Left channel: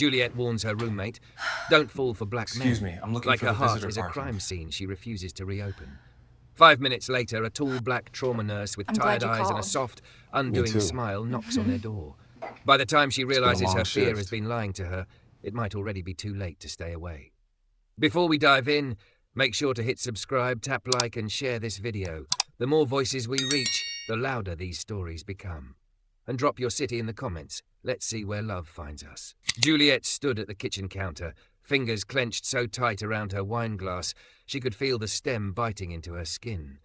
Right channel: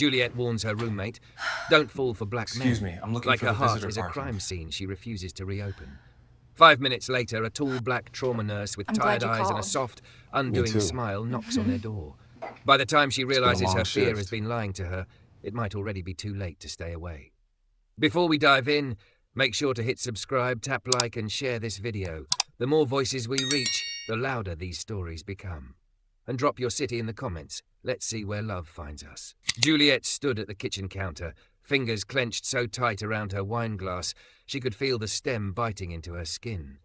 Juliet warns her roommate. Don't fall for black men. Excuse me, I'm looking like for her the heart visitor is a parking. crime scene she refuses to reopen. 5 minutes later, a tall black trauma nurse with tired eyes and a soft, undoing smile knocks on their door. By the time she realizes her fear has been lying to her, it might already be too late to stay away. Before we dive in, make sure to hit subscribe, tap like, and share this video. The more voices we reach, the louder these stories become. And drop your city in the comments. Let's see where love finds us. Juliet stood at the kitchen counter, fingers clenched so tight around her wine glass she could feel the stem biting into her skin.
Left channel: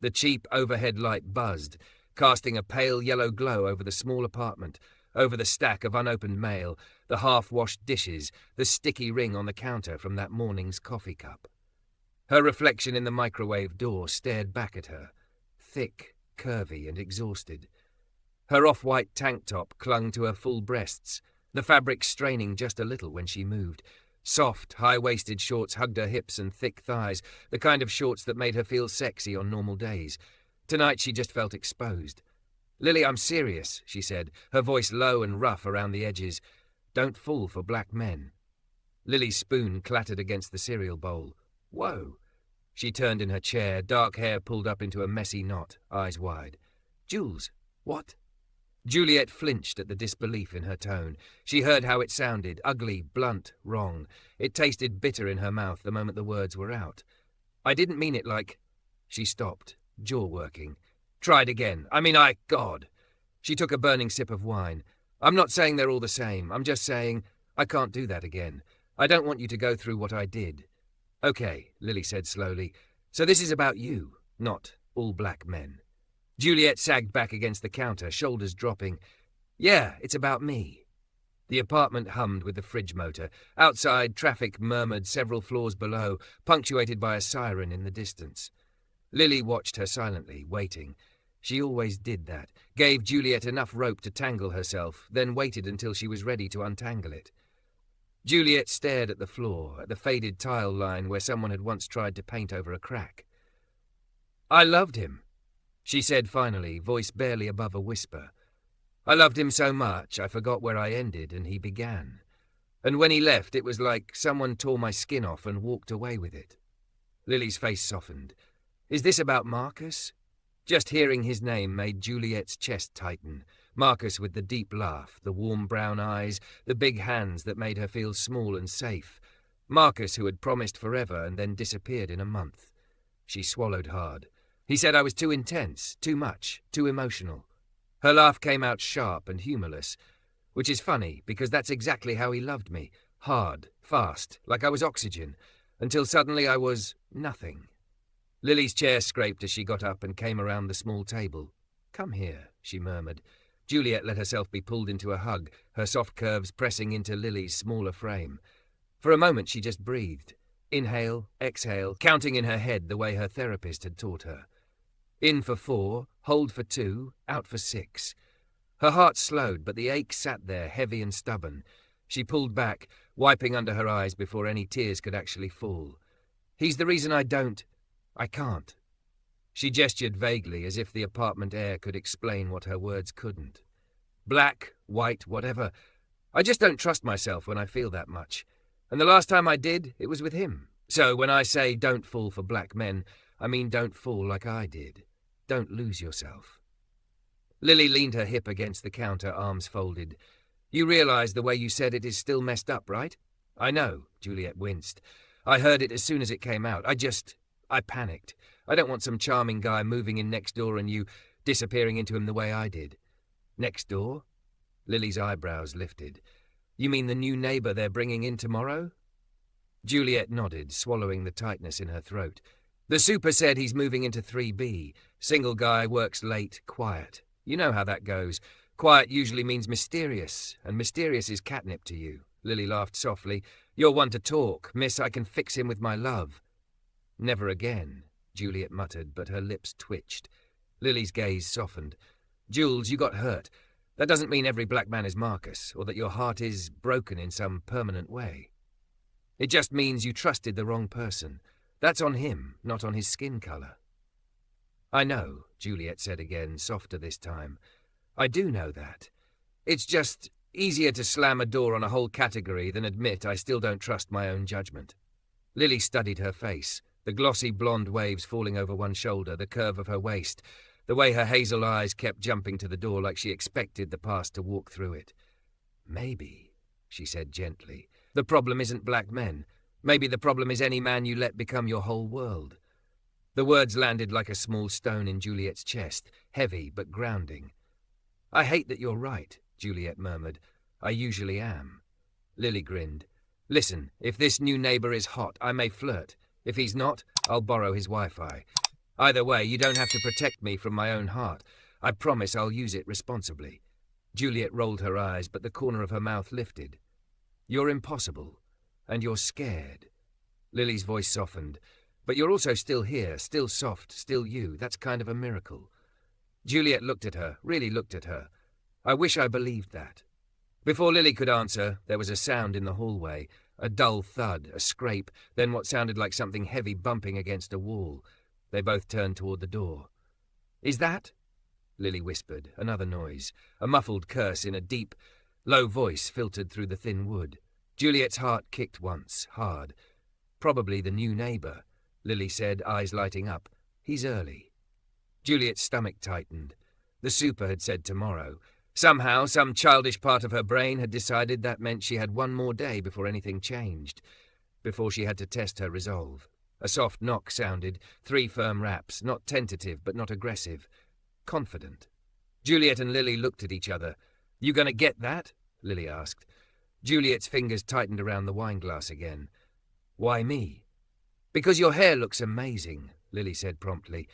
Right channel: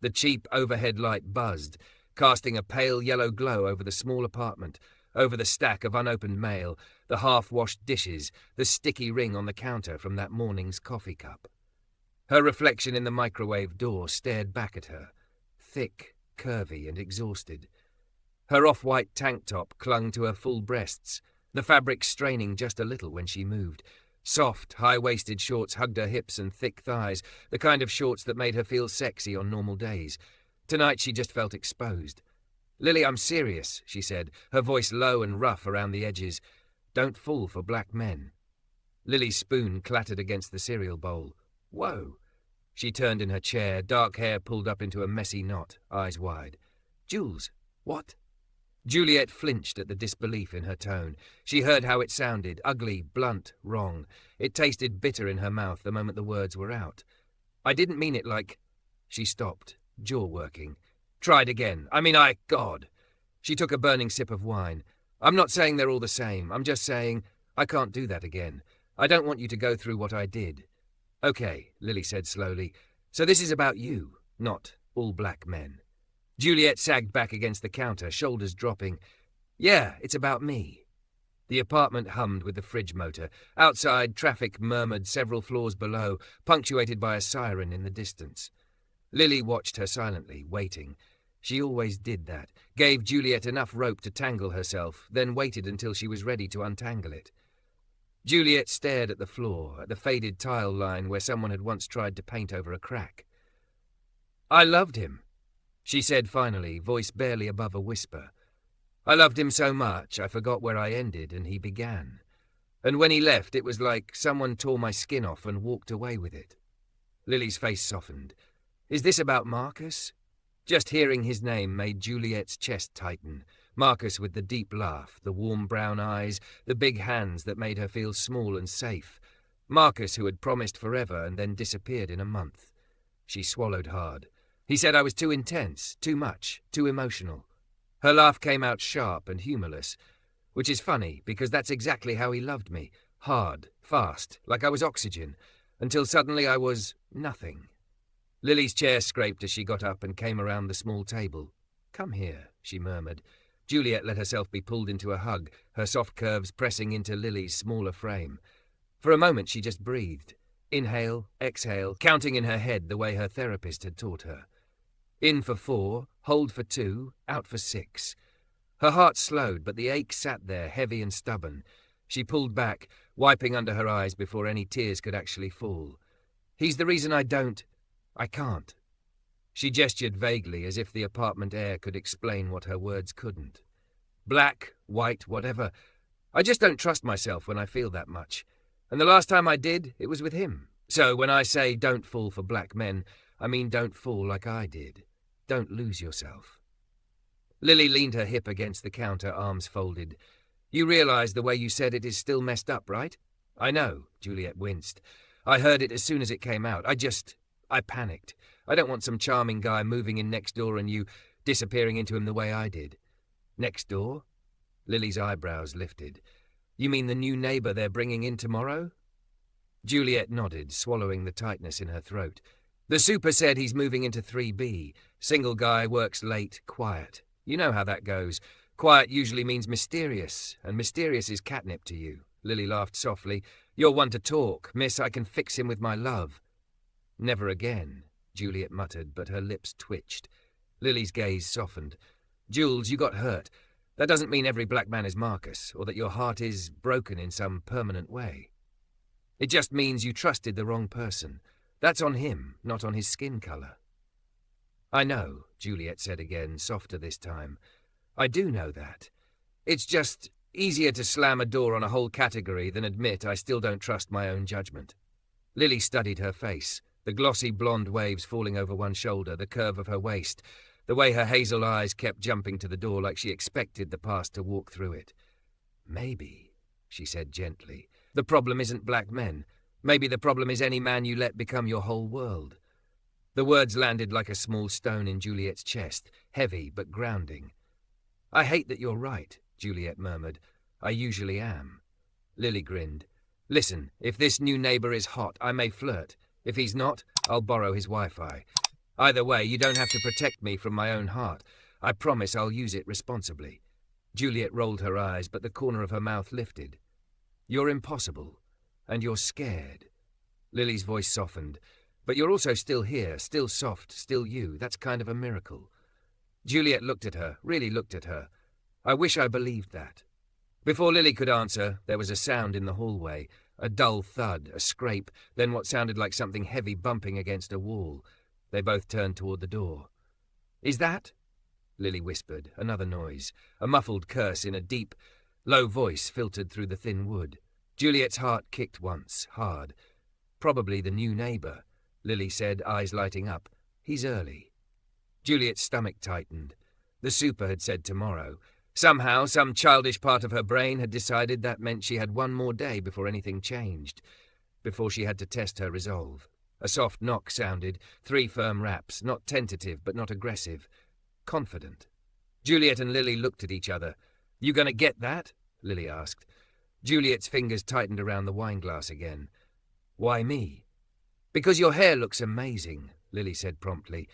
The cheap overhead light buzzed, casting a pale yellow glow over the small apartment, over the stack of unopened mail, the half-washed dishes, the sticky ring on the counter from that morning's coffee cup. Her reflection in the microwave door stared back at her, thick, curvy, and exhausted. Her off-white tank top clung to her full breasts, the fabric straining just a little when she moved. Soft, high-waisted shorts hugged her hips and thick thighs, the kind of shorts that made her feel sexy on normal days. Tonight she just felt exposed. "Lily, I'm serious," she said, her voice low and rough around the edges. "Don't fall for black men." Lily's spoon clattered against the cereal bowl. "Whoa." She turned in her chair, dark hair pulled up into a messy knot, eyes wide. "Jules, what?" Juliet flinched at the disbelief in her tone. She heard how it sounded, ugly, blunt, wrong. It tasted bitter in her mouth the moment the words were out. "I didn't mean it like—" She stopped, jaw working. "Tried again. God." She took a burning sip of wine. "I'm not saying they're all the same. I'm just saying I can't do that again. I don't want you to go through what I did." "Okay," Lily said slowly. "So this is about you, not all black men." Juliet sagged back against the counter, shoulders dropping. "Yeah, it's about me." The apartment hummed with the fridge motor. Outside, traffic murmured several floors below, punctuated by a siren in the distance. Lily watched her silently, waiting. She always did that, gave Juliet enough rope to tangle herself, then waited until she was ready to untangle it. Juliet stared at the floor, at the faded tile line where someone had once tried to paint over a crack. "I loved him," she said finally, voice barely above a whisper. "I loved him so much I forgot where I ended and he began. And when he left, it was like someone tore my skin off and walked away with it." Lily's face softened. "Is this about Marcus?" Just hearing his name made Juliet's chest tighten. Marcus with the deep laugh, the warm brown eyes, the big hands that made her feel small and safe. Marcus who had promised forever and then disappeared in a month. She swallowed hard. "He said I was too intense, too much, too emotional." Her laugh came out sharp and humorless, which is funny because that's exactly how he loved me. Hard, fast, like I was oxygen, until suddenly I was nothing. Lily's chair scraped as she got up and came around the small table. "Come here," she murmured. Juliet let herself be pulled into a hug, her soft curves pressing into Lily's smaller frame. For a moment she just breathed. Inhale, exhale, counting in her head the way her therapist had taught her. In for 4, hold for 2, out for 6. Her heart slowed, but the ache sat there, heavy and stubborn. She pulled back, wiping under her eyes before any tears could actually fall. "He's the reason I can't." She gestured vaguely, as if the apartment air could explain what her words couldn't. "Black, white, whatever. I just don't trust myself when I feel that much. And the last time I did, it was with him. So when I say don't fall for black men, I mean don't fall like I did. Don't lose yourself." Lily leaned her hip against the counter, arms folded. "You realize the way you said it is still messed up, right?" "I know," Juliet winced. "I heard it as soon as it came out. I panicked. I don't want some charming guy moving in next door and you disappearing into him the way I did." "Next door?" Lily's eyebrows lifted. "You mean the new neighbor they're bringing in tomorrow?" Juliet nodded, swallowing the tightness in her throat. "The super said he's moving into 3B. Single guy, works late, quiet. You know how that goes. Quiet usually means mysterious, and mysterious is catnip to you." Lily laughed softly. "You're one to talk. Miss, I can fix him with my love." "Never again," Juliet muttered, but her lips twitched. Lily's gaze softened. "Jules, you got hurt. That doesn't mean every black man is Marcus, or that your heart is broken in some permanent way. It just means you trusted the wrong person. That's on him, not on his skin color." "I know," Juliet said again, softer this time. "I do know that. It's just Easier to slam a door on a whole category than admit I still don't trust my own judgment. Lily studied her face, the glossy blonde waves falling over one shoulder, the curve of her waist, the way her hazel eyes kept jumping to the door like she expected the past to walk through it. Maybe, she said gently, the problem isn't black men. Maybe the problem is any man you let become your whole world. The words landed like a small stone in Juliet's chest, heavy but grounding. I hate that you're right, Juliet murmured. I usually am. Lily grinned. Listen, if this new neighbour is hot, I may flirt. If he's not, I'll borrow his Wi-Fi. Either way, you don't have to protect me from my own heart. I promise I'll use it responsibly. Juliet rolled her eyes, but the corner of her mouth lifted. You're impossible, and you're scared. Lily's voice softened. But you're also still here, still soft, still you. That's kind of a miracle. Juliet looked at her, really looked at her. I wish I believed that. Before Lily could answer, there was a sound in the hallway, a dull thud, a scrape, then what sounded like something heavy bumping against a wall. They both turned toward the door. Is that? Lily whispered, another noise, a muffled curse in a deep, low voice filtered through the thin wood. Juliet's heart kicked once, hard. Probably the new neighbour, Lily said, eyes lighting up. He's early. Juliet's stomach tightened. The super had said tomorrow. Somehow, some childish part of her brain had decided that meant she had one more day before anything changed, before she had to test her resolve. A soft knock sounded, 3 firm raps, not tentative but not aggressive. Confident. Juliet and Lily looked at each other. You gonna get that? Lily asked. Juliet's fingers tightened around the wineglass again. Why me? Because your hair looks amazing, Lily said promptly.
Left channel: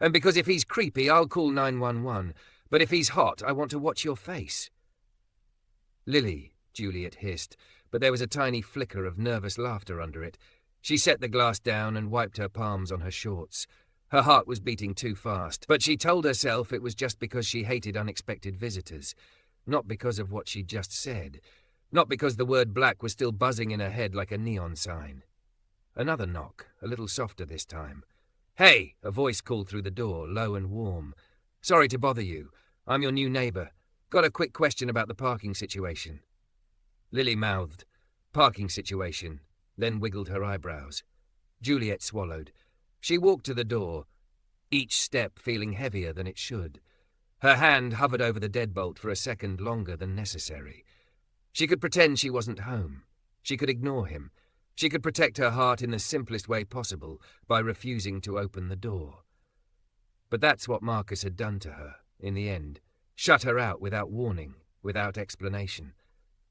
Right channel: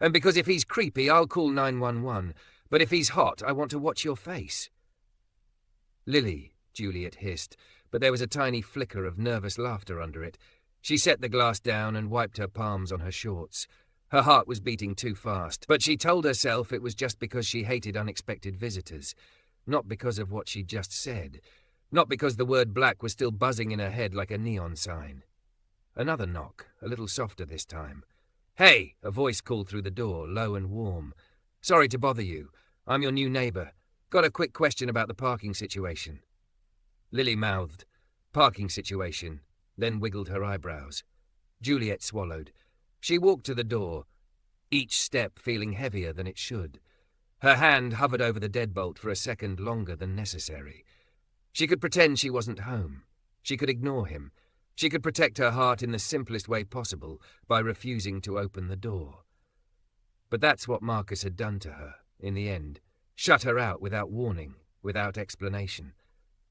And because if he's creepy, I'll call 911. But if he's hot, I want to watch your face. Lily, Juliet hissed, but there was a tiny flicker of nervous laughter under it. She set the glass down and wiped her palms on her shorts. Her heart was beating too fast, but she told herself it was just because she hated unexpected visitors, not because of what she'd just said, not because the word black was still buzzing in her head like a neon sign. Another knock, a little softer this time. Hey, a voice called through the door, low and warm. Sorry to bother you. I'm your new neighbour. Got a quick question about the parking situation. Lily mouthed, parking situation, then wiggled her eyebrows. Juliet swallowed. She walked to the door, each step feeling heavier than it should. Her hand hovered over the deadbolt for a second longer than necessary. She could pretend she wasn't home. She could ignore him. She could protect her heart in the simplest way possible by refusing to open the door. But that's what Marcus had done to her, in the end. Shut her out without warning, without explanation.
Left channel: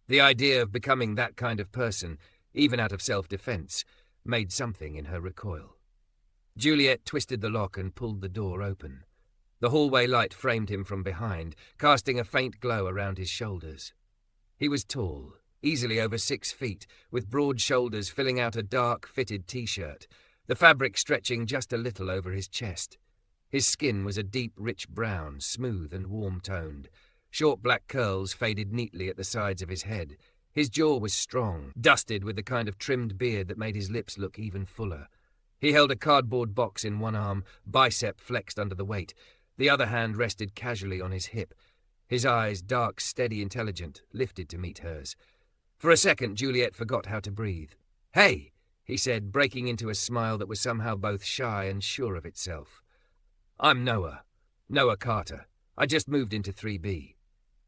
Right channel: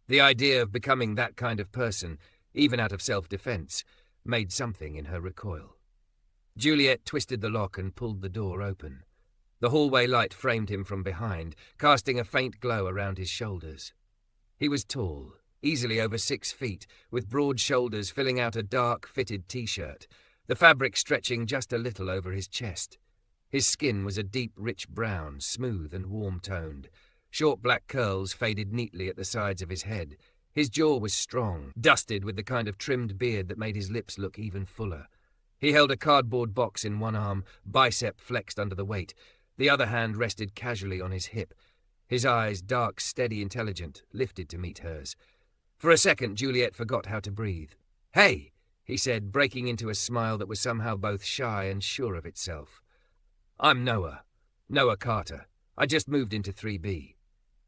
The idea of becoming that kind of person, even out of self-defense, made something in her recoil. Juliet twisted the lock and pulled the door open. The hallway light framed him from behind, casting a faint glow around his shoulders. He was tall, easily over 6 feet, with broad shoulders filling out a dark, fitted t-shirt, the fabric stretching just a little over his chest. His skin was a deep, rich brown, smooth and warm-toned. Short black curls faded neatly at the sides of his head. His jaw was strong, dusted with the kind of trimmed beard that made his lips look even fuller. He held a cardboard box in one arm, bicep flexed under the weight. The other hand rested casually on his hip. His eyes, dark, steady, intelligent, lifted to meet hers. For a second, Juliet forgot how to breathe. Hey, he said, breaking into a smile that was somehow both shy and sure of itself. I'm Noah. Noah Carter. I just moved into 3B.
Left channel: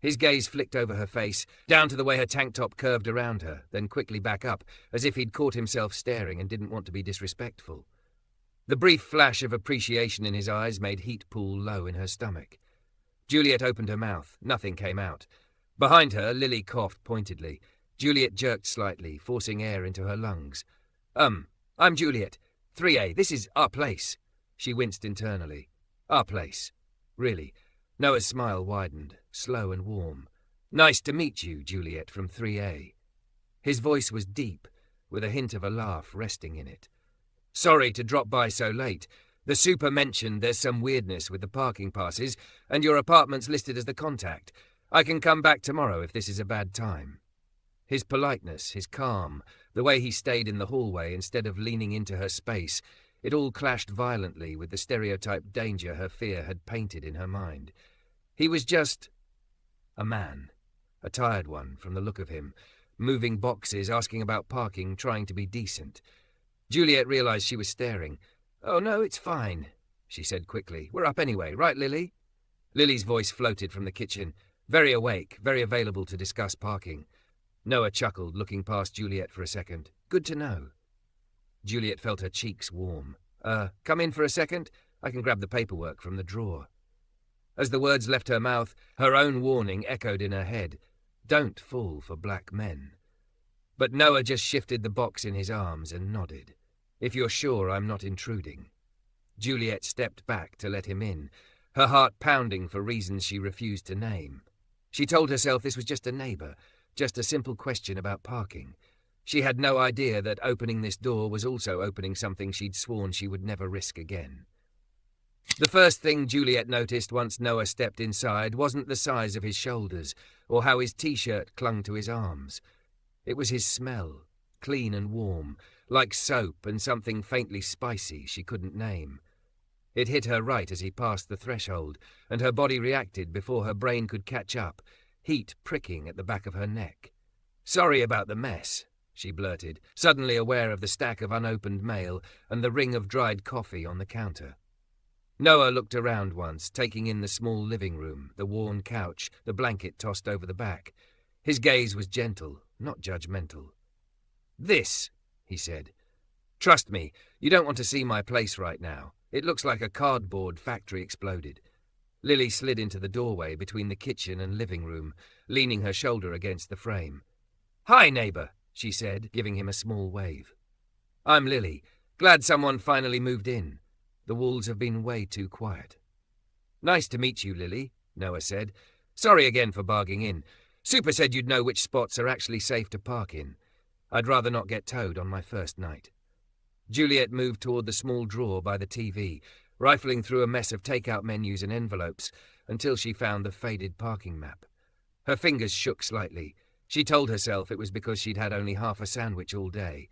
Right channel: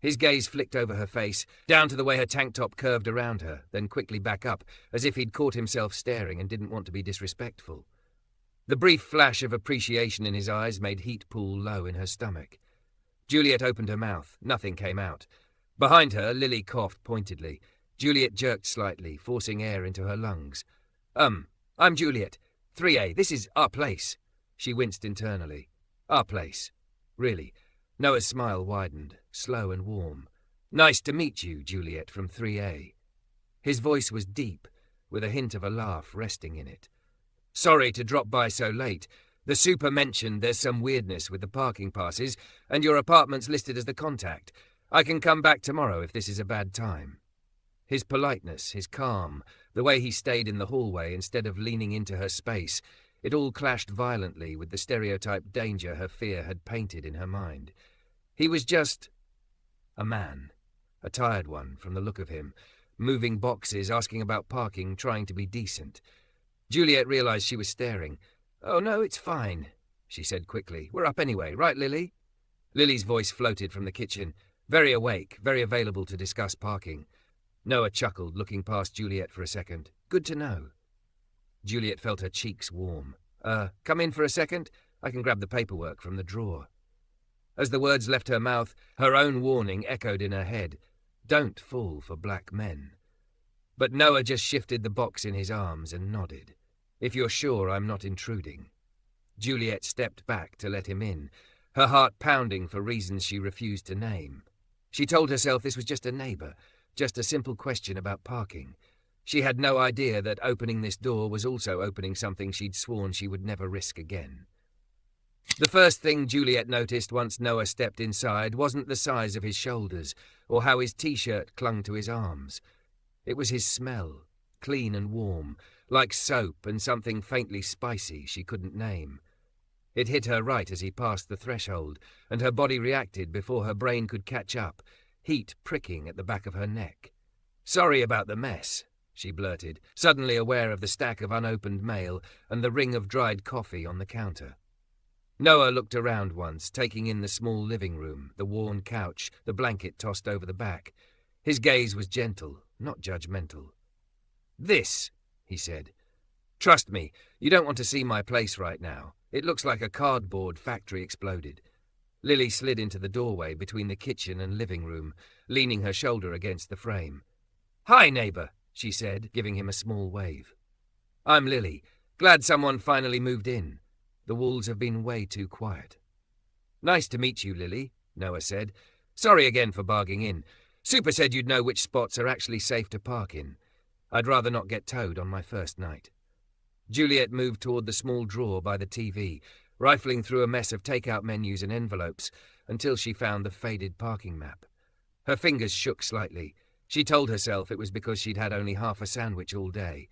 His gaze flicked over her face, down to the way her tank top curved around her, then quickly back up, as if he'd caught himself staring and didn't want to be disrespectful. The brief flash of appreciation in his eyes made heat pool low in her stomach. Juliet opened her mouth. Nothing came out. Behind her, Lily coughed pointedly. Juliet jerked slightly, forcing air into her lungs. I'm Juliet. 3A, this is our place. She winced internally. Our place. Really. Noah's smile widened, slow and warm. Nice to meet you, Juliet, from 3A. His voice was deep, with a hint of a laugh resting in it. Sorry to drop by so late. The super mentioned there's some weirdness with the parking passes, and your apartment's listed as the contact. I can come back tomorrow if this is a bad time. His politeness, his calm, the way he stayed in the hallway instead of leaning into her space, it all clashed violently with the stereotyped danger her fear had painted in her mind. He was just a man a tired one from the look of him, moving boxes, asking about parking, trying to be decent. Juliet realized she was staring. "Oh, no, it's fine," she said quickly. "We're up anyway, right, Lily?" Lily's voice floated from the kitchen, very awake, very available to discuss parking. Noah chuckled, looking past Juliet for a second. "Good to know." Juliet felt her cheeks warm. Come in for a second? I can grab the paperwork from the drawer." As the words left her mouth, her own warning echoed in her head. Don't fall for black men. But Noah just shifted the box in his arms and nodded. "If you're sure I'm not intruding." Juliet stepped back to let him in, her heart pounding for reasons she refused to name. She told herself this was just a neighbor, just a simple question about parking. She had no idea that opening this door was also opening something she'd sworn she would never risk again. The first thing Juliet noticed once Noah stepped inside wasn't the size of his shoulders or how his t-shirt clung to his arms. It was his smell, clean and warm, like soap and something faintly spicy she couldn't name. It hit her right as he passed the threshold, and her body reacted before her brain could catch up, heat pricking at the back of her neck. "Sorry about the mess," she blurted, suddenly aware of the stack of unopened mail and the ring of dried coffee on the counter. Noah looked around once, taking in the small living room, the worn couch, the blanket tossed over the back. His gaze was gentle, not judgmental. "This," he said. "Trust me, you don't want to see my place right now. It looks like a cardboard factory exploded." Lily slid into the doorway between the kitchen and living room, leaning her shoulder against the frame. "Hi, neighbor," she said, giving him a small wave. "I'm Lily. Glad someone finally moved in. The walls have been way too quiet." "Nice to meet you, Lily," Noah said. "Sorry again for barging in. Super said you'd know which spots are actually safe to park in. I'd rather not get towed on my first night." Juliet moved toward the small drawer by the TV, rifling through a mess of takeout menus and envelopes until she found the faded parking map. Her fingers shook slightly. She told herself it was because she'd had only half a sandwich all day.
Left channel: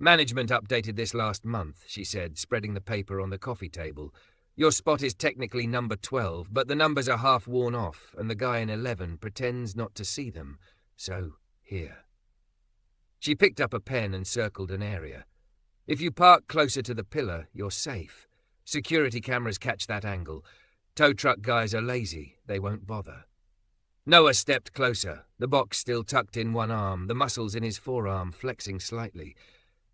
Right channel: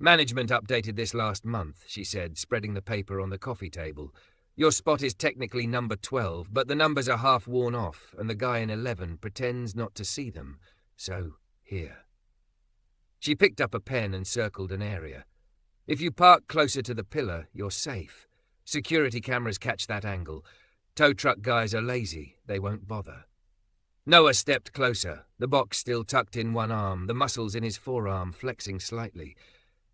Management updated this last month," she said, spreading the paper on the coffee table. "Your spot is technically number 12, but the numbers are half worn off, and the guy in 11 pretends not to see them. So, here." She picked up a pen and circled an area. "If you park closer to the pillar, you're safe. Security cameras catch that angle. Tow truck guys are lazy. They won't bother." Noah stepped closer, the box still tucked in one arm, the muscles in his forearm flexing slightly.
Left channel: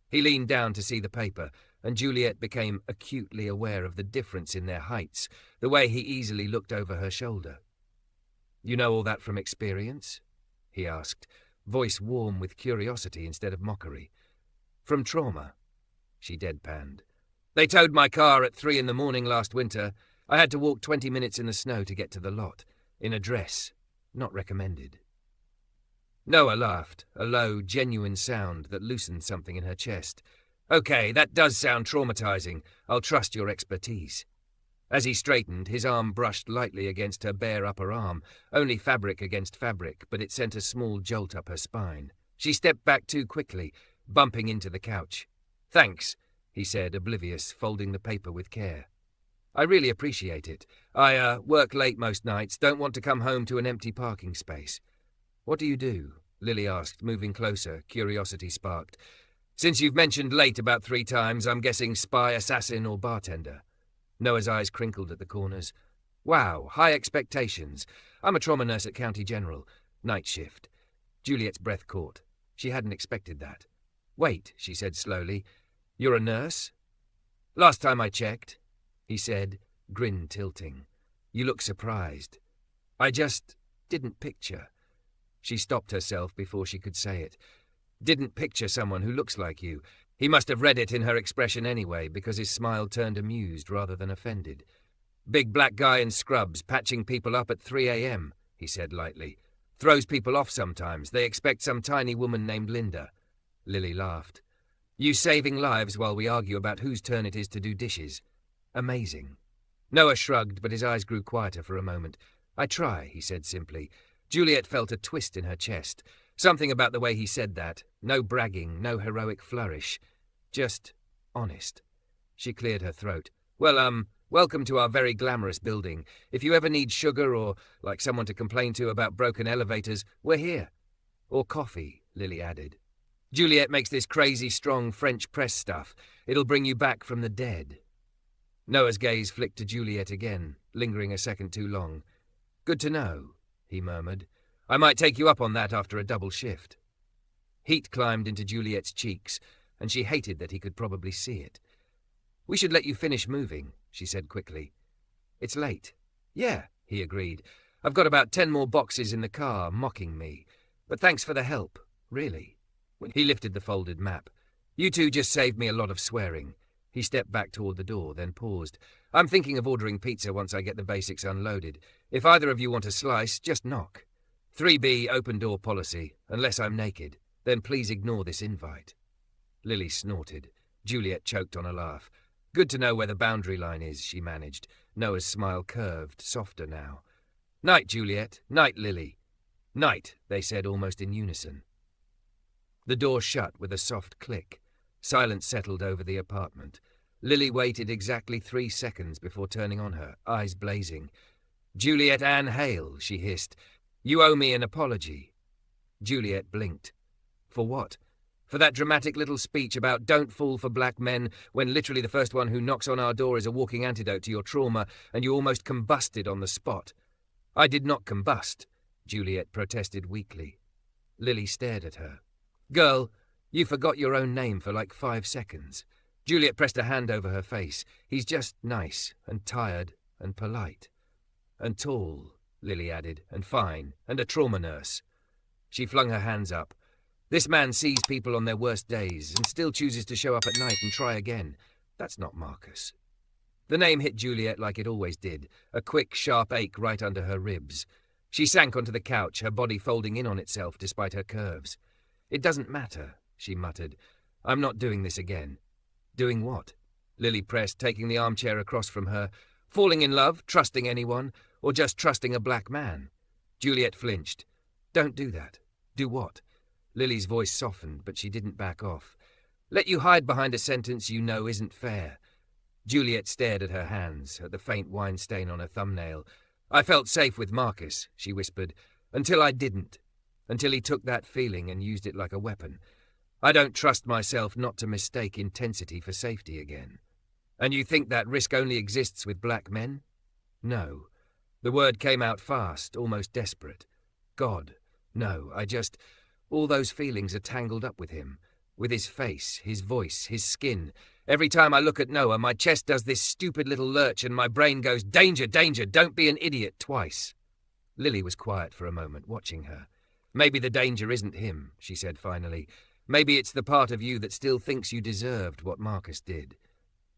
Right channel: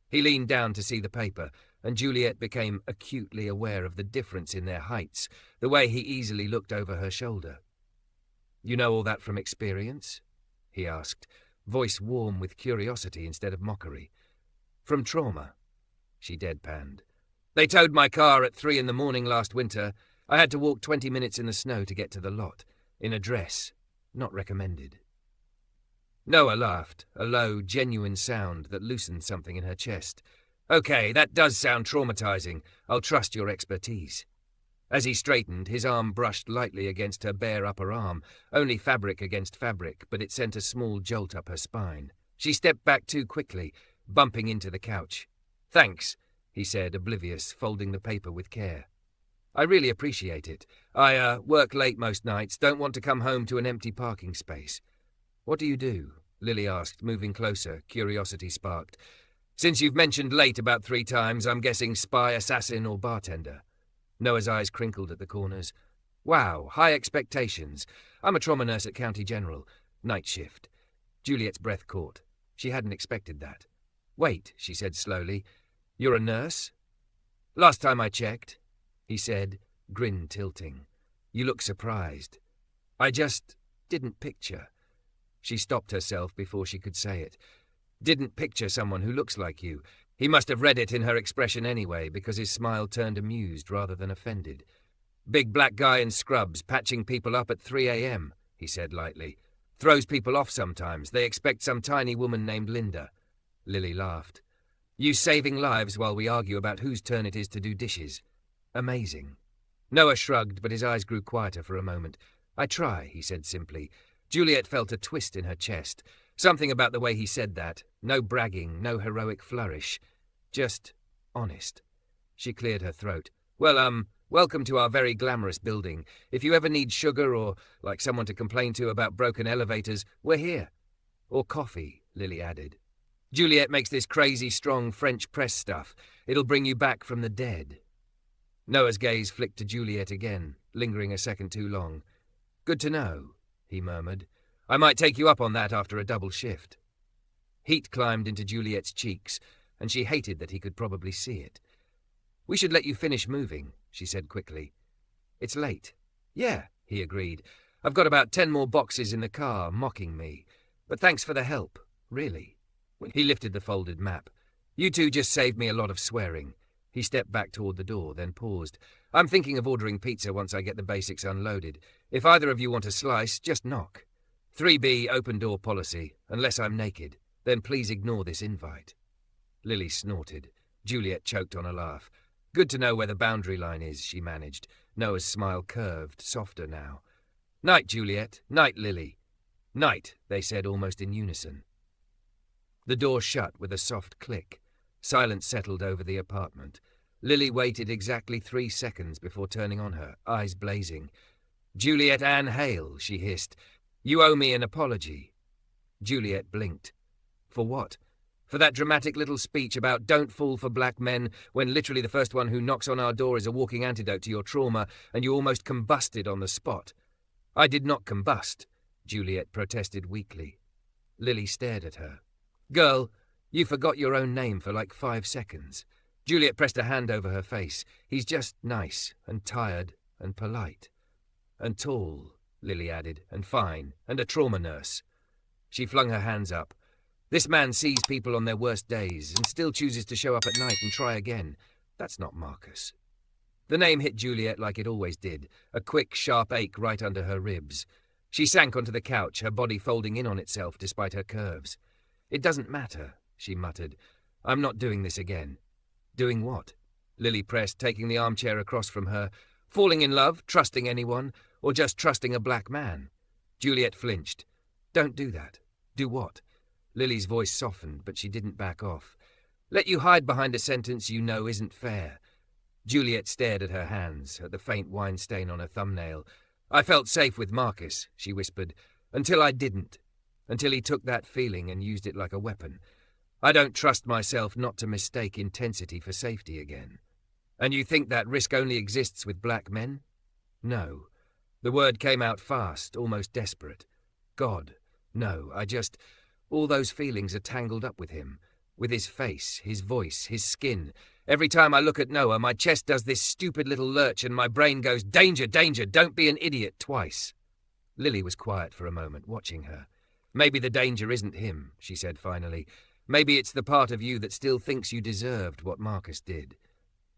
He leaned down to see the paper, and Juliet became acutely aware of the difference in their heights, the way he easily looked over her shoulder. "You know all that from experience?" he asked, voice warm with curiosity instead of mockery. "From trauma," she deadpanned. "They towed my car at 3 a.m. last winter. I had to walk 20 minutes in the snow to get to the lot, in a dress. Not recommended." Noah laughed, a low, genuine sound that loosened something in her chest. "Okay, that does sound traumatizing. I'll trust your expertise." As he straightened, his arm brushed lightly against her bare upper arm, only fabric against fabric, but it sent a small jolt up her spine. She stepped back too quickly, bumping into the couch. "Thanks," he said, oblivious, folding the paper with care. "I really appreciate it. I work late most nights, don't want to come home to an empty parking space." "What do you do?" Lily asked, moving closer, curiosity sparked. "Since you've mentioned late about 3 times, I'm guessing spy, assassin, or bartender." Noah's eyes crinkled at the corners. "Wow, high expectations. I'm a trauma nurse at County General. Night shift." Juliet's breath caught. She hadn't expected that. "Wait," she said slowly. "You're a nurse?" "Last time I checked," he said, grin tilting. "You look surprised." "I just didn't picture." She stopped herself before she could say it. "Didn't picture someone who looks like you." He must have read it in her expression anyway, because his smile turned amused rather than offended. "Big black guy in scrubs, patching people up at 3 a.m, he said lightly. "Throws people off sometimes. They expect some tiny woman named Linda." Lily laughed. "You saving lives while we argue about whose turn it is to do dishes. Amazing." Noah shrugged, but his eyes grew quieter for a moment. "I try," he said simply. Juliet felt a twist in her chest. Something about the way he said that. No bragging, no heroic flourish. Just honest. She cleared her throat. "Well, Welcome to our very glamorous building. If you ever need sugar or like someone to complain to about broken elevators, we're here. Or coffee, Lily added. Juliet makes this crazy strong French press stuff. It'll bring you back from the dead. Noah's gaze flicked to Juliet again, lingering a second too long. Good to know, he murmured. I might take you up on that after a double shift. Heat climbed into Juliet's cheeks, and she hated that he could probably see it. We should let you finish moving, she said quickly. It's late. Yeah, he agreed. I've got about 10 more boxes in the car, mocking me. But thanks for the help, really. He lifted the folded map. You two just saved me a lot of swearing. He stepped back toward the door, then paused. I'm thinking of ordering pizza once I get the basics unloaded. If either of you want a slice, just knock. 3B, open door policy, unless I'm naked. Then please ignore this invite. Lily snorted. Juliet choked on a laugh. Good to know where the boundary line is, she managed. Noah's smile curved, softer now. Night, Juliet. Night, Lily. Night, they said almost in unison. The door shut with a soft click. Silence settled over the apartment. Lily waited exactly 3 seconds before turning on her, eyes blazing. Juliet Ann Hale, she hissed. You owe me an apology. Juliet blinked. For what? For that dramatic little speech about don't fall for black men when literally the first one who knocks on our door is a walking antidote to your trauma and you almost combusted on the spot. I did not combust, Juliet protested weakly. Lily stared at her. Girl, you forgot your own name for like 5 seconds. Juliet pressed a hand over her face. He's just nice and tired and polite. And tall, Lily added, and fine, and a trauma nurse. She flung her hands up. This man sees people on their worst days and still chooses to show up at night and try again. That's not Marcus. The name hit Juliet like it always did, a quick, sharp ache right under her ribs. She sank onto the couch, her body folding in on itself despite her curves. It doesn't matter, she muttered. I'm not doing this again. Doing what? Lily pressed, taking the armchair across from her. Falling in love, trusting anyone, or just trusting a black man? Juliet flinched. Don't do that. Do what? Lily's voice softened, but she didn't back off. Let you hide behind a sentence you know isn't fair. Juliet stared at her hands, at the faint wine stain on her thumbnail. I felt safe with Marcus, she whispered, until I didn't. Until he took that feeling and used it like a weapon. I don't trust myself not to mistake intensity for safety again. And you think that risk only exists with black men? No. The word came out fast, almost desperate. God, no, all those feelings are tangled up with him. With his face, his voice, his skin. Every time I look at Noah, my chest does this stupid little lurch and my brain goes, danger, danger, don't be an idiot, twice. Lily was quiet for a moment, watching her. Maybe the danger isn't him, she said finally. Maybe it's the part of you that still thinks you deserved what Marcus did.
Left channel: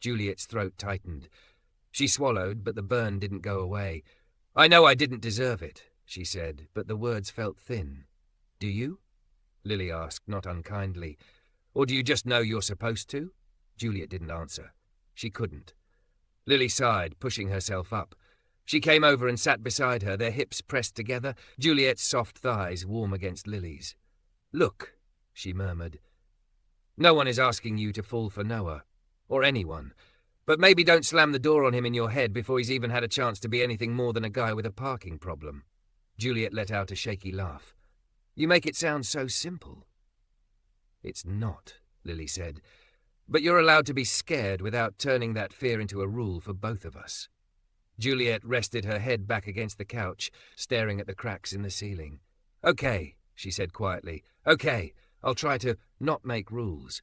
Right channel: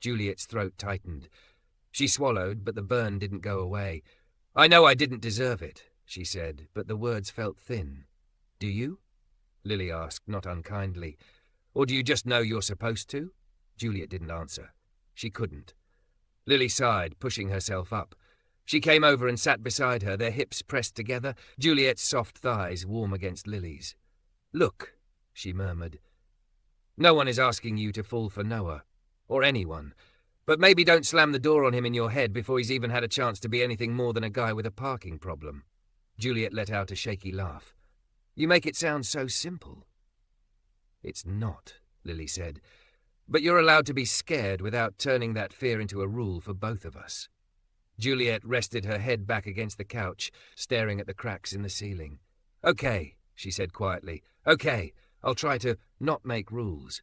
Juliet's throat tightened. She swallowed, but the burn didn't go away. I know I didn't deserve it, she said, but the words felt thin. Do you? Lily asked, not unkindly. Or do you just know you're supposed to? Juliet didn't answer. She couldn't. Lily sighed, pushing herself up. She came over and sat beside her, their hips pressed together, Juliet's soft thighs warm against Lily's. Look, she murmured. No one is asking you to fall for Noah, or anyone. But maybe don't slam the door on him in your head before he's even had a chance to be anything more than a guy with a parking problem. Juliet let out a shaky laugh. You make it sound so simple. It's not, Lily said. But you're allowed to be scared without turning that fear into a rule for both of us. Juliet rested her head back against the couch, staring at the cracks in the ceiling. Okay, she said quietly. Okay, I'll try to not make rules.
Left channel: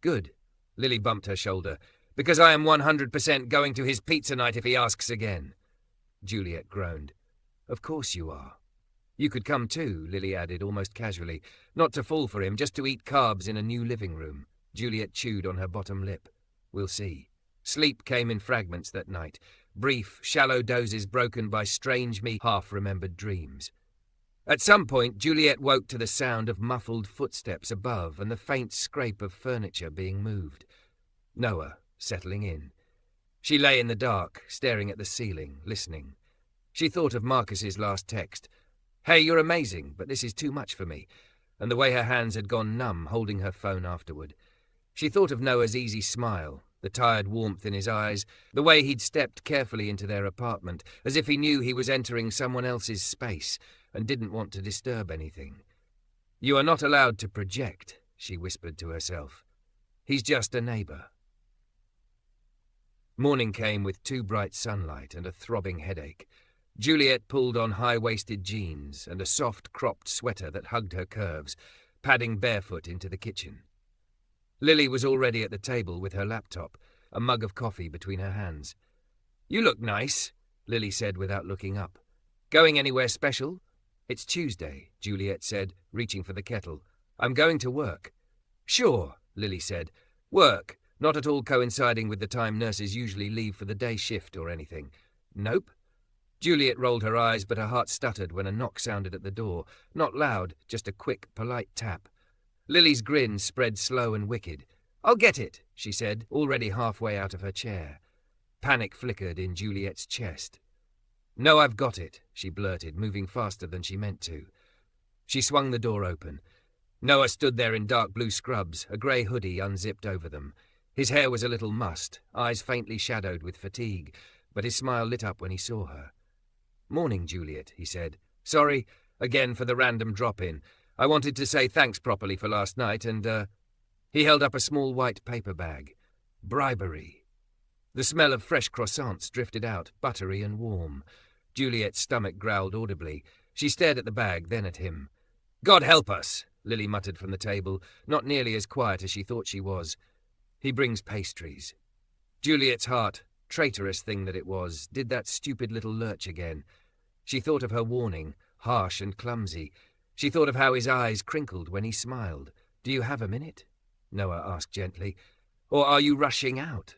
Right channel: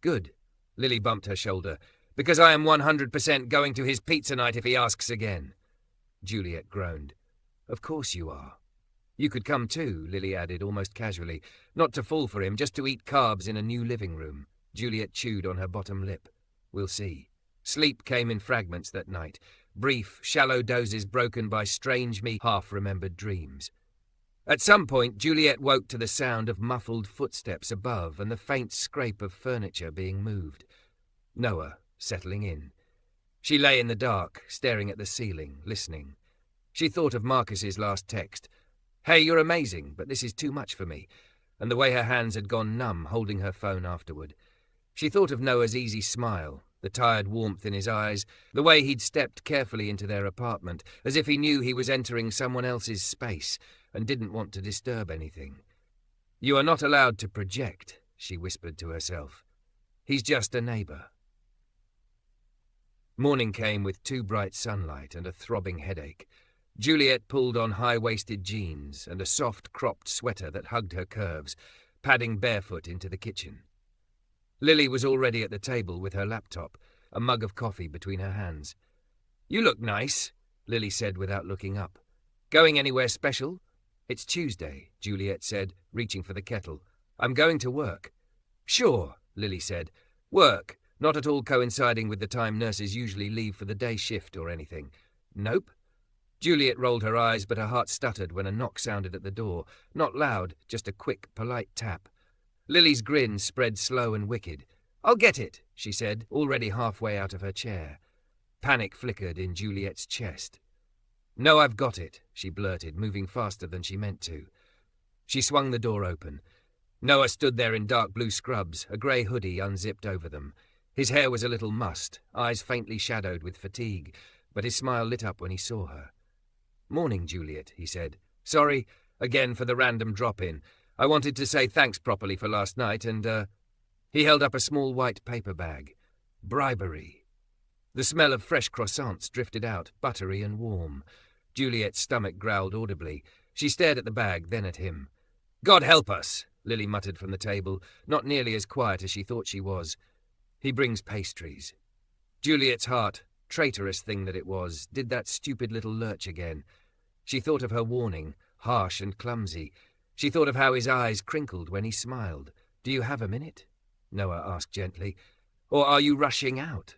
Good. Lily bumped her shoulder. Because I am 100% going to his pizza night if he asks again. Juliet groaned. Of course you are. You could come too, Lily added, almost casually. Not to fall for him, just to eat carbs in a new living room. Juliet chewed on her bottom lip. We'll see. Sleep came in fragments that night. Brief, shallow dozes broken by strangely half-remembered dreams. At some point, Juliet woke to the sound of muffled footsteps above and the faint scrape of furniture being moved. Noah, settling in. She lay in the dark, staring at the ceiling, listening. She thought of Marcus's last text. Hey, you're amazing, but this is too much for me. And the way her hands had gone numb holding her phone afterward. She thought of Noah's easy smile, the tired warmth in his eyes, the way he'd stepped carefully into their apartment, as if he knew he was entering someone else's space and didn't want to disturb anything. "You are not allowed to project," she whispered to herself. "He's just a neighbour." Morning came with too bright sunlight and a throbbing headache. Juliet pulled on high-waisted jeans and a soft, cropped sweater that hugged her curves, padding barefoot into the kitchen. Lily was already at the table with her laptop, a mug of coffee between her hands. "You look nice," Lily said without looking up. "Going anywhere special?" "It's Tuesday," Juliet said, reaching for the kettle. "I'm going to work." "Sure," Lily said. "Work, not at all coinciding with the time nurses usually leave for the day shift or anything." "Nope." Juliet rolled her eyes, but her heart stuttered when a knock sounded at the door. Not loud, just a quick, polite tap. Lily's grin spread slow and wicked. "I'll get it," she said, already halfway out of her chair. Panic flickered in Juliet's chest. "No, I've got it," she blurted, moving faster than she meant to. She swung the door open. Noah stood there in dark blue scrubs, a grey hoodie unzipped over them. His hair was a little mussed, eyes faintly shadowed with fatigue, but his smile lit up when he saw her. "Morning, Juliet," he said. "Sorry, again, for the random drop-in. I wanted to say thanks properly for last night, and, He held up a small white paper bag. "Bribery." The smell of fresh croissants drifted out, buttery and warm. Juliet's stomach growled audibly. She stared at the bag, then at him. "God help us," Lily muttered from the table, not nearly as quiet as she thought she was. "He brings pastries." Juliet's heart, traitorous thing that it was, did that stupid little lurch again. She thought of her warning, harsh and clumsy. She thought of how his eyes crinkled when he smiled. "Do you have a minute?" Noah asked gently. "Or are you rushing out?"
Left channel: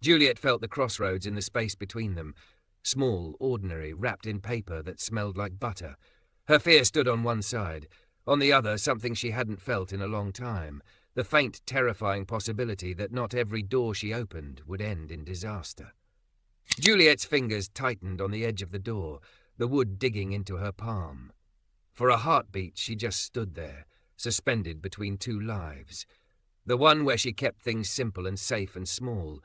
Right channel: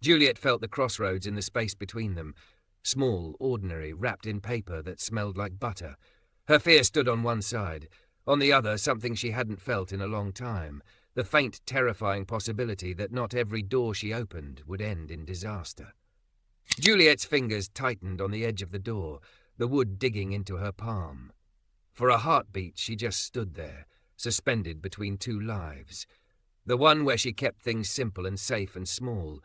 Juliet felt the crossroads in the space between them. Small, ordinary, wrapped in paper that smelled like butter. Her fear stood on one side. On the other, something she hadn't felt in a long time. The faint, terrifying possibility that not every door she opened would end in disaster. Juliet's fingers tightened on the edge of the door, the wood digging into her palm. For a heartbeat, she just stood there, suspended between two lives. The one where she kept things simple and safe and small,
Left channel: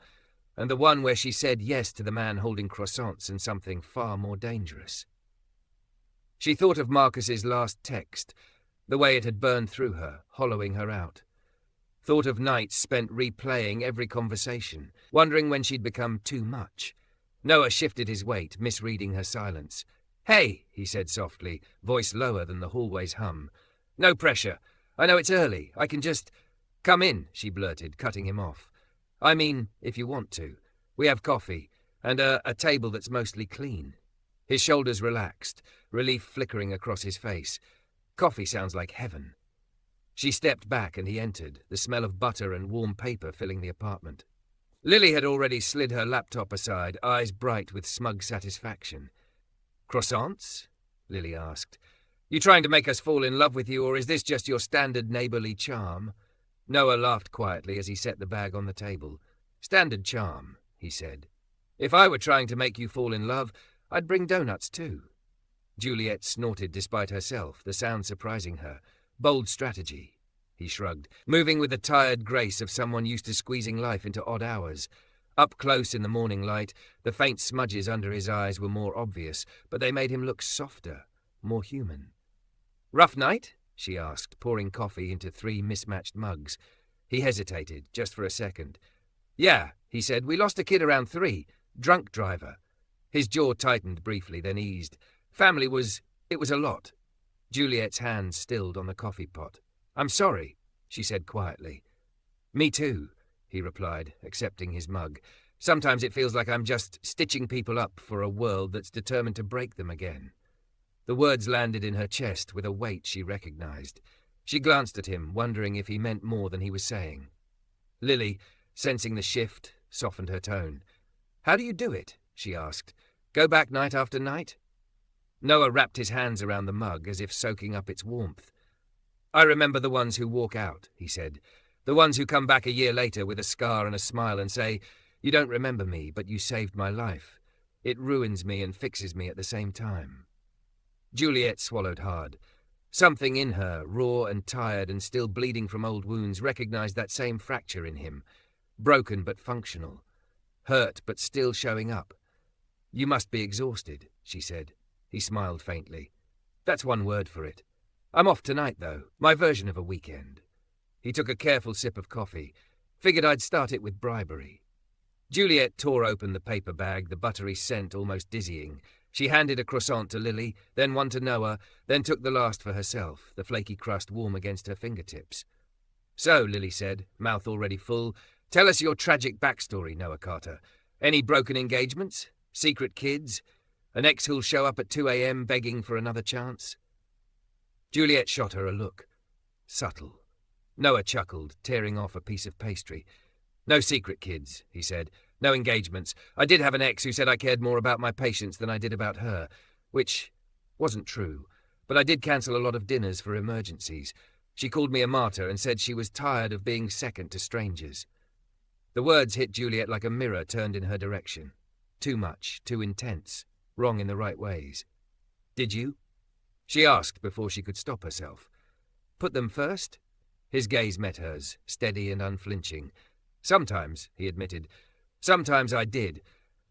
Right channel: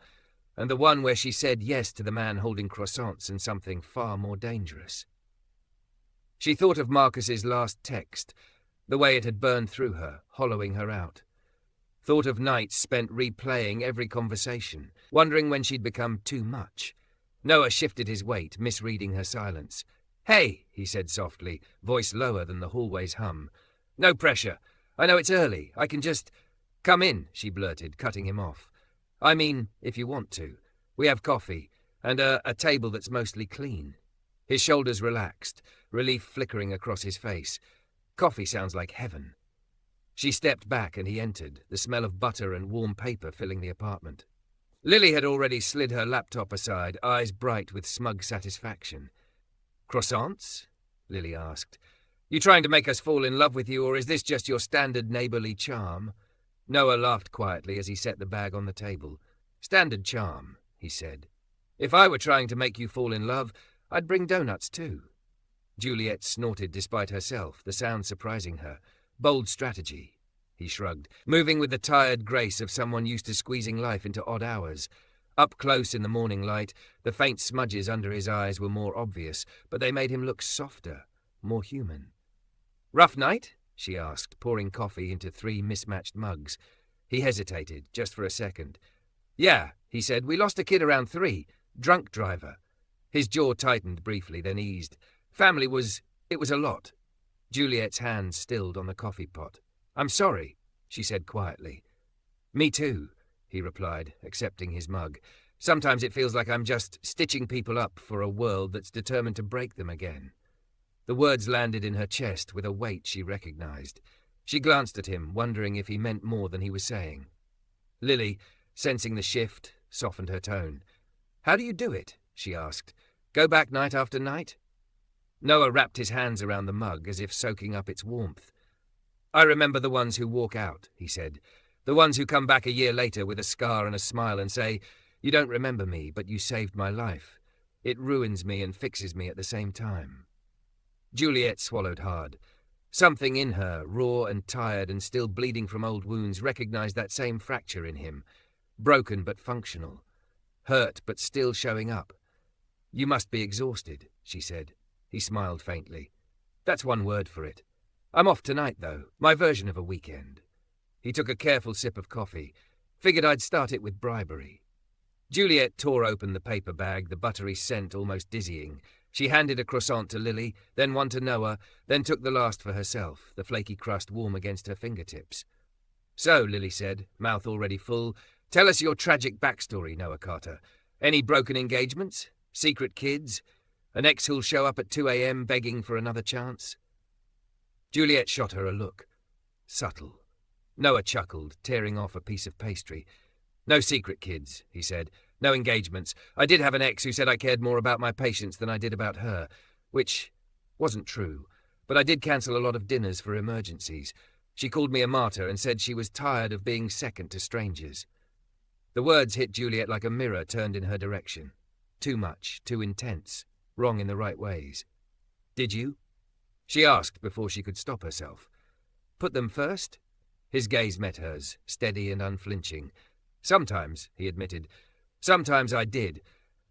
and the one where she said yes to the man holding croissants and something far more dangerous. She thought of Marcus's last text, the way it had burned through her, hollowing her out. Thought of nights spent replaying every conversation, wondering when she'd become too much. Noah shifted his weight, misreading her silence. "Hey," he said softly, voice lower than the hallway's hum. "No pressure. I know it's early. I can just—" "Come in," she blurted, cutting him off. "I mean, if you want to. We have coffee, and a table that's mostly clean." His shoulders relaxed, relief flickering across his face. Coffee sounds like heaven. She stepped back and he entered, the smell of butter and warm paper filling the apartment. Lily had already slid her laptop aside, eyes bright with smug satisfaction. "Croissants?" Lily asked. "You trying to make us fall in love with you, or is this just your standard neighbourly charm?" Noah laughed quietly as he set the bag on the table. "Standard charm," he said. "If I were trying to make you fall in love, I'd bring donuts too." Juliet snorted despite herself, the sound surprising her. "Bold strategy," he shrugged, moving with the tired grace of someone used to squeezing life into odd hours. Up close in the morning light, the faint smudges under his eyes were more obvious, but they made him look softer, more human. "Rough night?" she asked, pouring coffee into 3 mismatched mugs. He hesitated, just for a second. "Yeah," he said, "we lost a kid around 3. Drunk driver." His jaw tightened briefly, then eased. It was a lot. Juliet's hand stilled on the coffee pot. "I'm sorry," she said quietly. "Me too," he replied, accepting his mug. "Sometimes it feels like I'm just stitching people up for a world that's determined to break them again." The words landed in her chest with a weight she recognized. She glanced at him, wondering if he meant more than he was saying. Lily, sensing the shift, softened her tone. "How do you do it?" she asked. "Go back night after night?" Noah wrapped his hands around the mug as if soaking up its warmth. "I remember the ones who walk out," he said. "The ones who come back a year later with a scar and a smile and say, 'You don't remember me, but you saved my life. It ruins me and fixes me at the same time.'" Juliet swallowed hard. Something in her, raw and tired and still bleeding from old wounds, recognized that same fracture in him. Broken but functional. Hurt but still showing up. "You must be exhausted," she said. He smiled faintly. "That's one word for it. I'm off tonight, though. My version of a weekend." He took a careful sip of coffee. Figured I'd start it with bribery. Juliet tore open the paper bag, the buttery scent almost dizzying. She handed a croissant to Lily, then one to Noah, then took the last for herself, the flaky crust warm against her fingertips. "So," Lily said, mouth already full, "tell us your tragic backstory, Noah Carter. Any broken engagements? Secret kids? An ex who'll show up at 2 a.m. begging for another chance?" Juliet shot her a look. Subtle. Noah chuckled, tearing off a piece of pastry. "No secret kids," he said. "No engagements. I did have an ex who said I cared more about my patients than I did about her, which wasn't true, but I did cancel a lot of dinners for emergencies. She called me a martyr and said she was tired of being second to strangers." The words hit Juliet like a mirror turned in her direction. Too much, too intense, wrong in the right ways. "Did you?" she asked before she could stop herself. "Put them first?" His gaze met hers, steady and unflinching. "Sometimes," he admitted. "Sometimes I did.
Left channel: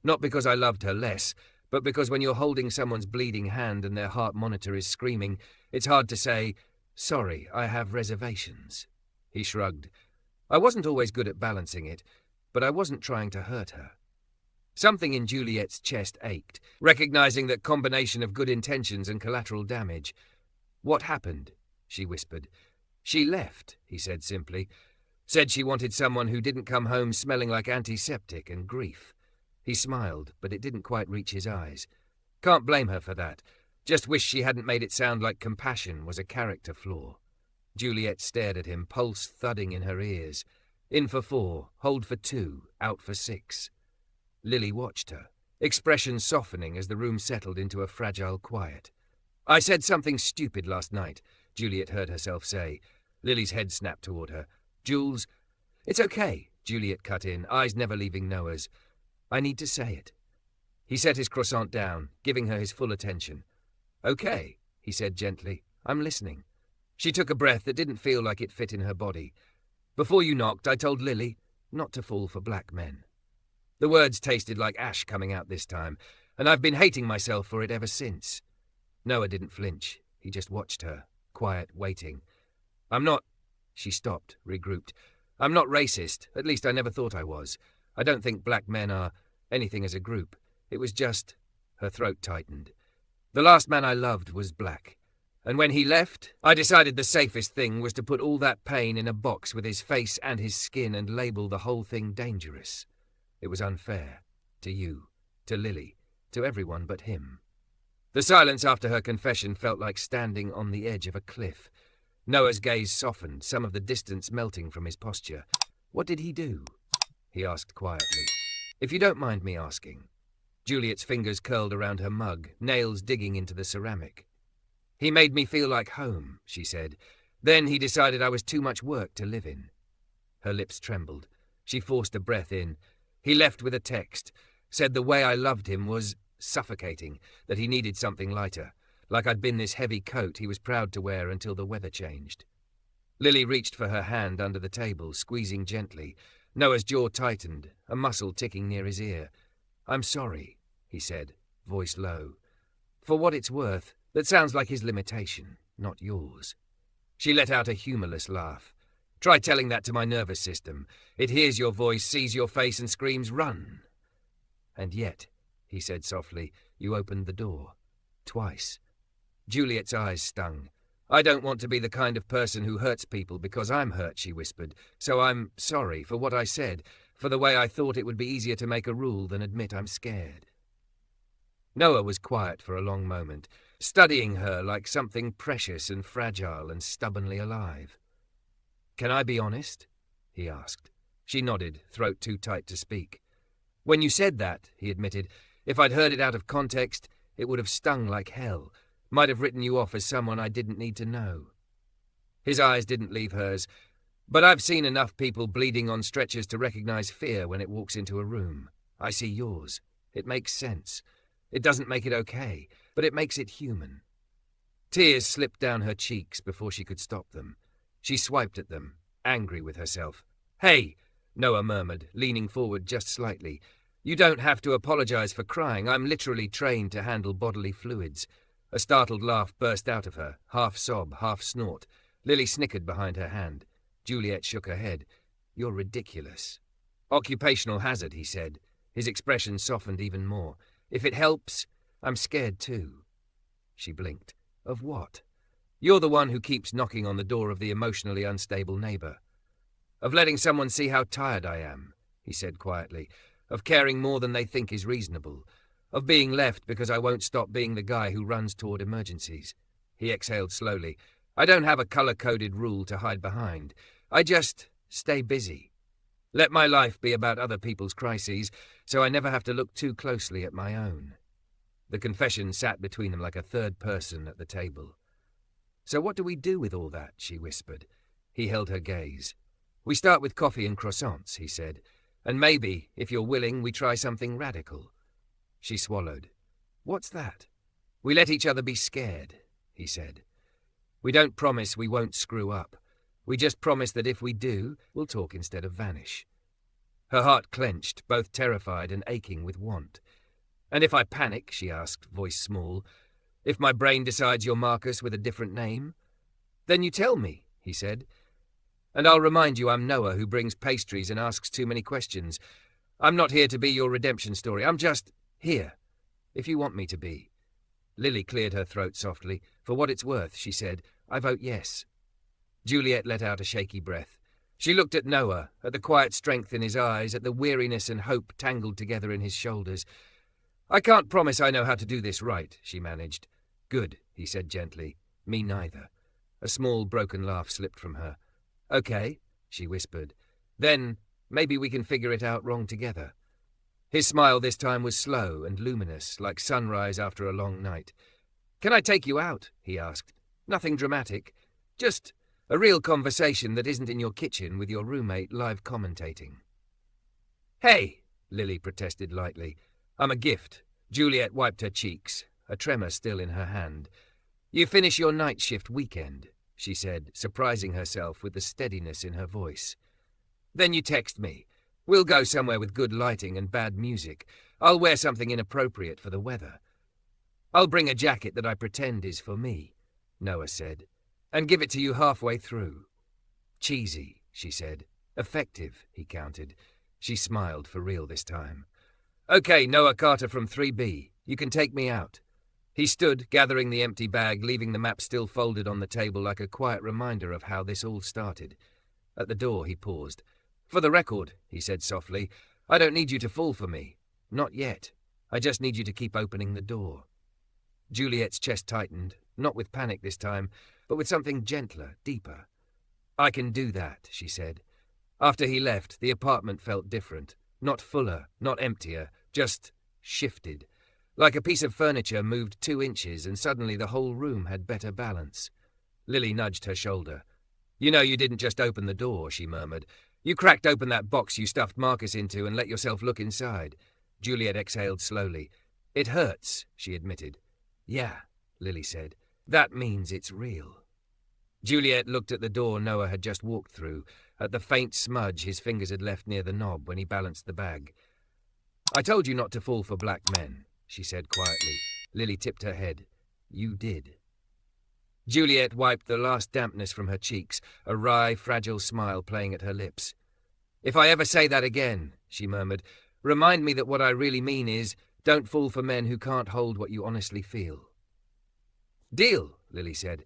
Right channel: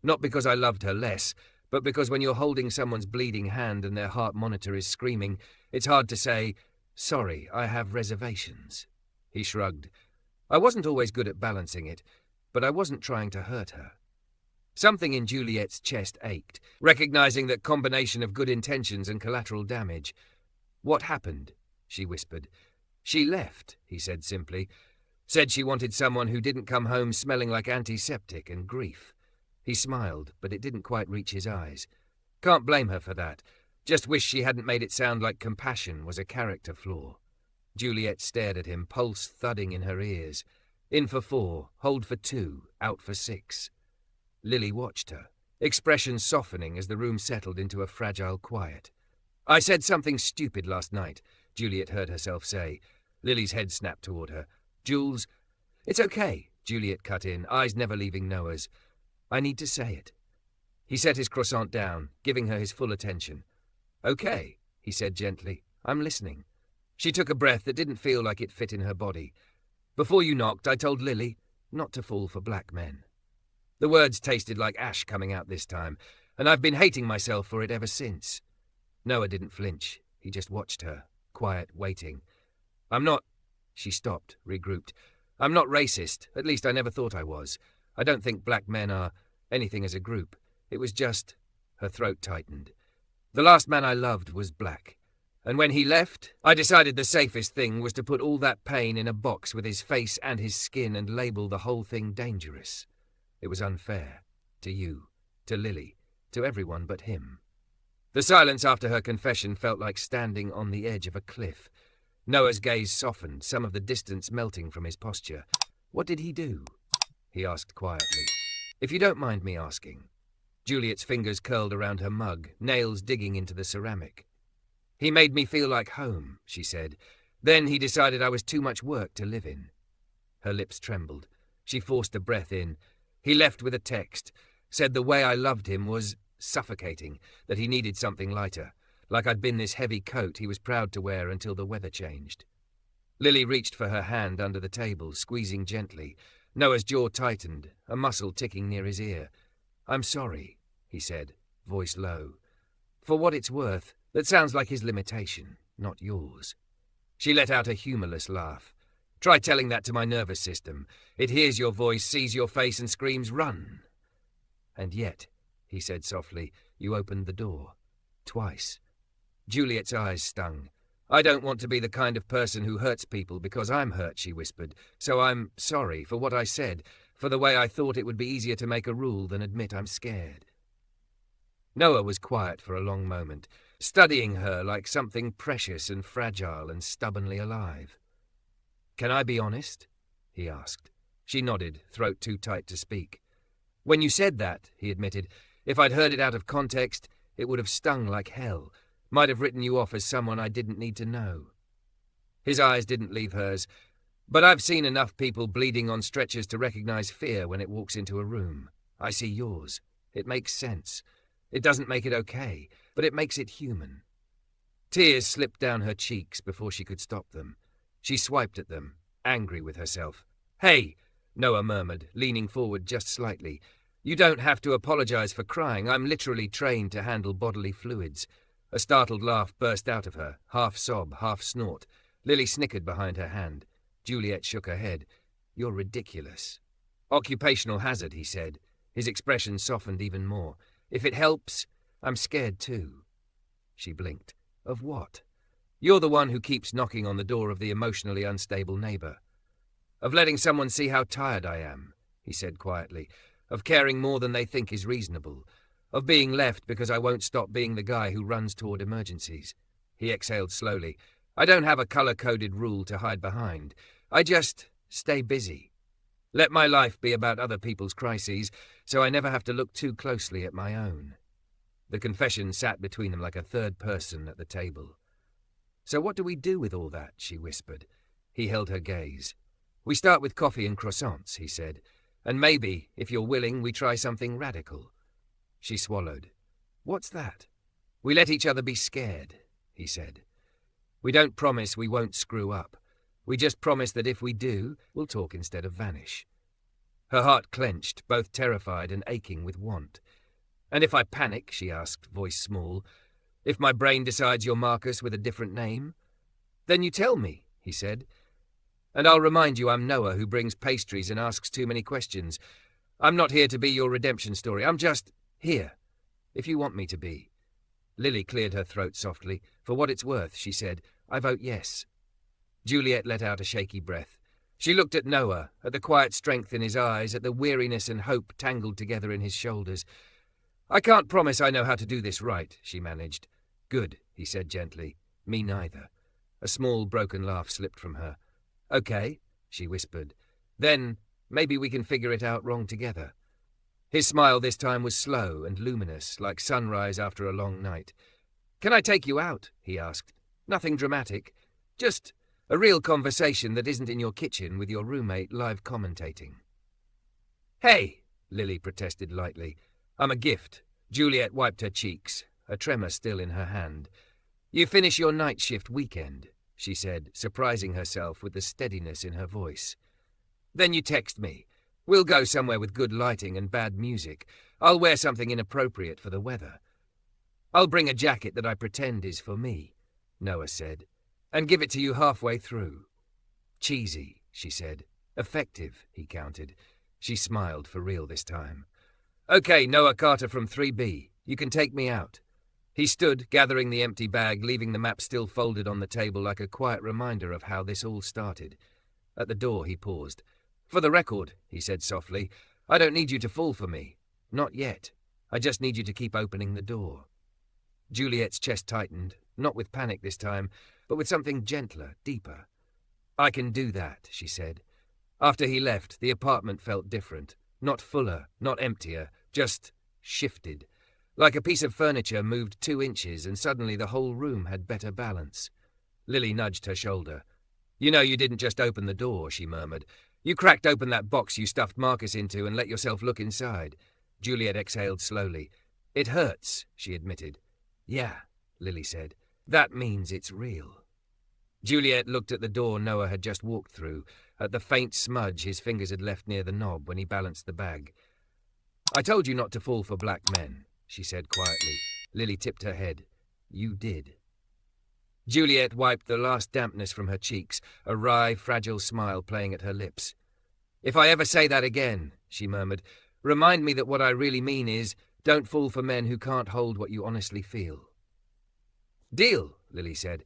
Not because I loved her less, but because when you're holding someone's bleeding hand and their heart monitor is screaming, it's hard to say, 'Sorry, I have reservations.'" He shrugged. "I wasn't always good at balancing it, but I wasn't trying to hurt her." Something in Juliet's chest ached, recognizing that combination of good intentions and collateral damage. "What happened?" she whispered. "She left," he said simply. "Said she wanted someone who didn't come home smelling like antiseptic and grief." He smiled, but it didn't quite reach his eyes. "Can't blame her for that. Just wish she hadn't made it sound like compassion was a character flaw." Juliet stared at him, pulse thudding in her ears. In for 4, hold for 2, out for 6. Lily watched her, expression softening as the room settled into a fragile quiet. "I said something stupid last night," Juliet heard herself say. Lily's head snapped toward her. "Jules—" "It's okay," Juliet cut in, eyes never leaving Noah's. "I need to say it." He set his croissant down, giving her his full attention. "Okay," he said gently. "I'm listening." She took a breath that didn't feel like it fit in her body. "Before you knocked, I told Lily not to fall for black men." The words tasted like ash coming out this time, and I've been hating myself for it ever since. Noah didn't flinch. He just watched her, quiet, waiting. "I'm not—" She stopped, regrouped. "I'm not racist. At least I never thought I was. I don't think black men are anything as a group. It was just—" Her throat tightened. "The last man I loved was black. And when he left, I decided the safest thing was to put all that pain in a box with his face and his skin and label the whole thing dangerous. It was unfair. To you, to Lily, to everyone but him." The silence after her confession felt like standing on the edge of a cliff. Noah's gaze softened, some of the distance melting from his posture. "What did he do?" he asked quietly. "If you don't mind me asking." Juliet's fingers curled around her mug, nails digging into the ceramic. "He made me feel like home," she said. "Then he decided I was too much work to live in." Her lips trembled. She forced a breath in. "He left with a text. Said the way I loved him was suffocating, that he needed something lighter. Like I'd been this heavy coat he was proud to wear until the weather changed." Lily reached for her hand under the table, squeezing gently. Noah's jaw tightened, a muscle ticking near his ear. "I'm sorry," he said, voice low. "For what it's worth, that sounds like his limitation, not yours." She let out a humorless laugh. "Try telling that to my nervous system. It hears your voice, sees your face, and screams, 'Run!' And yet," he said softly, "you opened the door. Twice." Juliet's eyes stung. "I don't want to be the kind of person who hurts people because I'm hurt," she whispered. "So I'm sorry for what I said, for the way I thought it would be easier to make a rule than admit I'm scared." Noah was quiet for a long moment, studying her like something precious and fragile and stubbornly alive. "Can I be honest?" he asked. She nodded, throat too tight to speak. "When you said that," he admitted, "if I'd heard it out of context, it would have stung like hell. Might have written you off as someone I didn't need to know." His eyes didn't leave hers. "But I've seen enough people bleeding on stretchers to recognize fear when it walks into a room. I see yours. It makes sense. It doesn't make it okay, but it makes it human." Tears slipped down her cheeks before she could stop them. She swiped at them, angry with herself. "Hey, Noah murmured, leaning forward just slightly. You don't have to apologize for crying. I'm literally trained to handle bodily fluids. A startled laugh burst out of her, half sob, half snort. Lily snickered behind her hand. Juliet shook her head. You're ridiculous. Occupational hazard, he said. His expression softened even more. If it helps, I'm scared too. She blinked. Of what? You're the one who keeps knocking on the door of the emotionally unstable neighbor. Of letting someone see how tired I am, he said quietly. Of caring more than they think is reasonable. Of being left because I won't stop being the guy who runs toward emergencies. He exhaled slowly. I don't have a color-coded rule to hide behind. I just stay busy. Let my life be about other people's crises, so I never have to look too closely at my own. The confession sat between them like a third person at the table. So what do we do with all that? She whispered. He held her gaze. We start with coffee and croissants, he said. And maybe, if you're willing, we try something radical. She swallowed. What's that? We let each other be scared, he said. We don't promise we won't screw up. We just promise that if we do, we'll talk instead of vanish. Her heart clenched, both terrified and aching with want. And if I panic, she asked, voice small, if my brain decides you're Marcus with a different name? Then you tell me, he said. And I'll remind you I'm Noah who brings pastries and asks too many questions. I'm not here to be your redemption story. I'm just here, if you want me to be. Lily cleared her throat softly. For what it's worth, she said, I vote yes. Juliet let out a shaky breath. She looked at Noah, at the quiet strength in his eyes, at the weariness and hope tangled together in his shoulders. I can't promise I know how to do this right, she managed. Good, he said gently. Me neither. A small broken laugh slipped from her. Okay, she whispered. Then maybe we can figure it out wrong together. His smile this time was slow and luminous, like sunrise after a long night. Can I take you out? He asked. Nothing dramatic. Just a real conversation that isn't in your kitchen with your roommate live commentating. Hey, Lily protested lightly. I'm a gift. Juliet wiped her cheeks, a tremor still in her hand. You finish your night shift weekend, she said, surprising herself with the steadiness in her voice. Then you text me. We'll go somewhere with good lighting and bad music. I'll wear something inappropriate for the weather. I'll bring a jacket that I pretend is for me, Noah said, and give it to you halfway through. Cheesy, she said. Effective, he counted. She smiled for real this time. Okay, Noah Carter from 3B. You can take me out. He stood, gathering the empty bag, leaving the map still folded on the table like a quiet reminder of how this all started. At the door, he paused. For the record, he said softly, I don't need you to fall for me. Not yet. I just need you to keep opening the door. Juliet's chest tightened, not with panic this time, but with something gentler, deeper. I can do that, she said. After he left, the apartment felt different. Not fuller, not emptier, just shifted. Like a piece of furniture moved 2 inches and suddenly the whole room had better balance. Lily nudged her shoulder. You know you didn't just open the door, she murmured. You cracked open that box you stuffed Marcus into and let yourself look inside. Juliet exhaled slowly. It hurts, she admitted. Yeah, Lily said. That means it's real. Juliet looked at the door Noah had just walked through, at the faint smudge his fingers had left near the knob when he balanced the bag. I told you not to fall for black men, she said quietly. Lily tipped her head. You did. Juliet wiped the last dampness from her cheeks, a wry, fragile smile playing at her lips. If I ever say that again, she murmured, remind me that what I really mean is, don't fall for men who can't hold what you honestly feel. Deal, Lily said.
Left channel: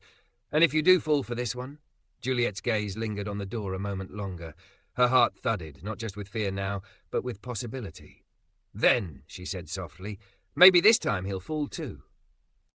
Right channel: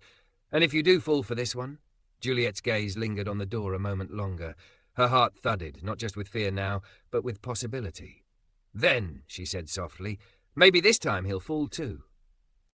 And if you do fall for this one? Juliet's gaze lingered on the door a moment longer. Her heart thudded, not just with fear now, but with possibility. Then, she said softly, maybe this time he'll fall too.